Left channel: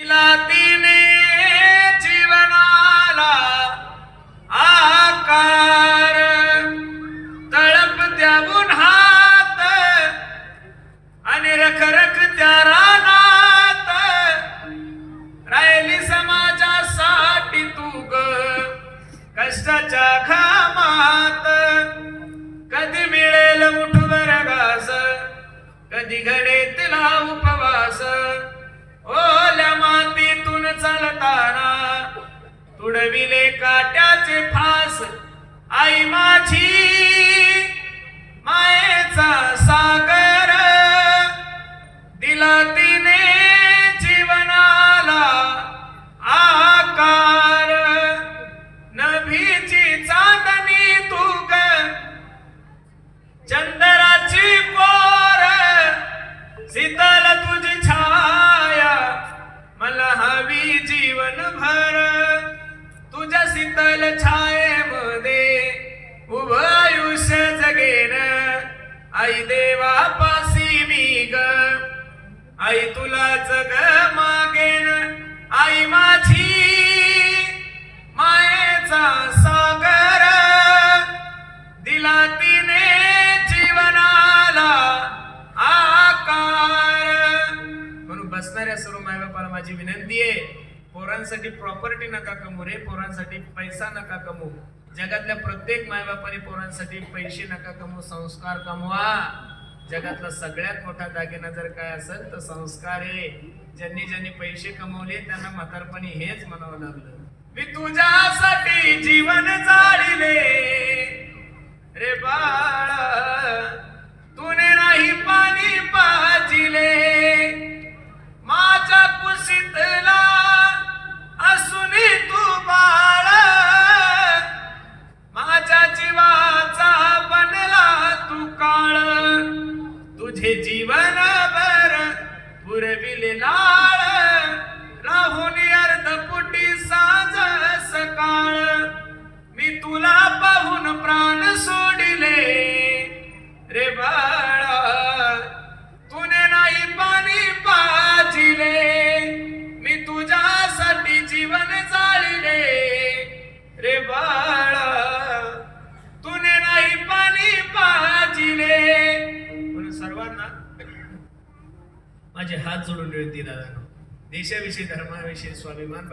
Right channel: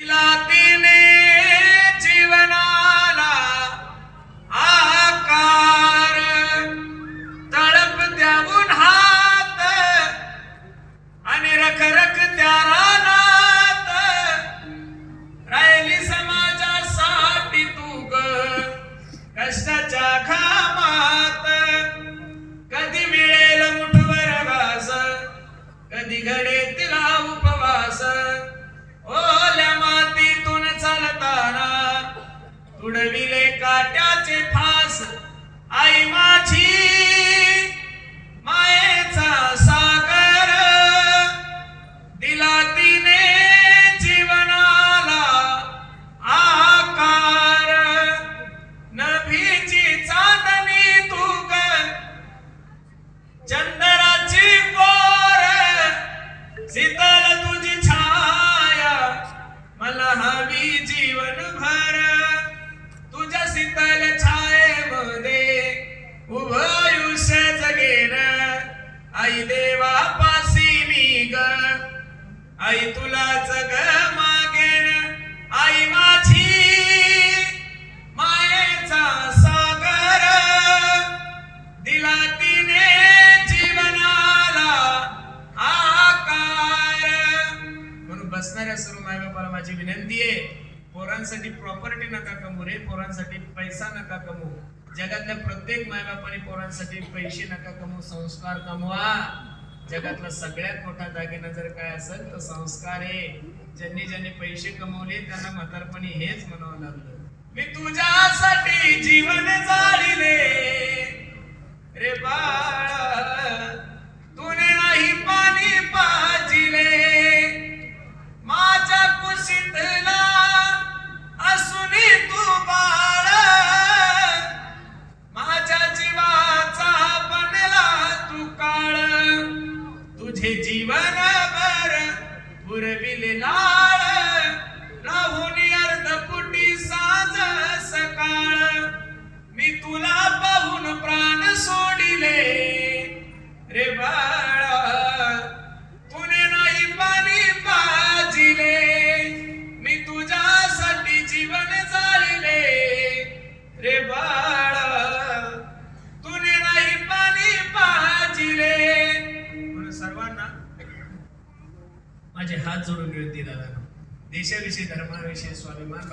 तिने जीवनाला आकार तळप द्यावून हात आणि रखरख त्या रानात राहिली समाजासाठी तू ग कष्टाच्या घामात. कधी मिळेल मुठभर घास, कधी घडेल तिला उपवास. ओल्या मातीतून चालताना तुडविले काट्याचे फास. आई माझी मायेचा सागर दिला तिने जीवनाला आकार. नभीची चांदणी तू ग चंद्राची कोर, शीतल तुझी छाया मला हवी जीवनभर. तुझ्या शीतल छायेमध्ये उभं आयुष्य जगेन. आई देवापासी मी ग, आई तुलाच ग मागेन. आई माझी मायेचा सागर दिला तिने जीवनाला आकार. म्हणून बसणाऱ्या सर्व मायबापाला माझी विनंती आहे, पोरांसाठी प्रॉपर्टी नका कमवू रे, पोरांसाठी पैसा नका कमवू. जगातल्या प्रत्येक मायबापाने पोरांसाठी पैसे नका कमवू, संस्कार कमवा. जगातला सगळ्यात मोठा दागिना जर काय असेल तर संस्कार आहे. ज्यांनी ज्यांनी पैसे कमवले त्यांना म्हातारपणी हेच म्हणावं लागलं, मी तुझ्यासाठी जीवन जाळिले रे बाळा. तुने नाही पाणी पाजिले माझ्या कुशीतला असूनी तू बाळ. माझ्या जीवाचा बनला तू काळ. तुझे जीवन भर पुरविले लाळ. राहून अर्धपुटी साज सकाळ. मी तुला पाहून प्राण सोडिले रे बाळा. तुने नाही पाणी पाजिले मी तुझ्यासाठी जीवन जाळिले रे बाळा. तुने नाही पाणी पाजिले. म्हणून सर्वांना माझे हात जोडून विनंती दादा, देशाविषयी धर्माविषयी स्वाभिमान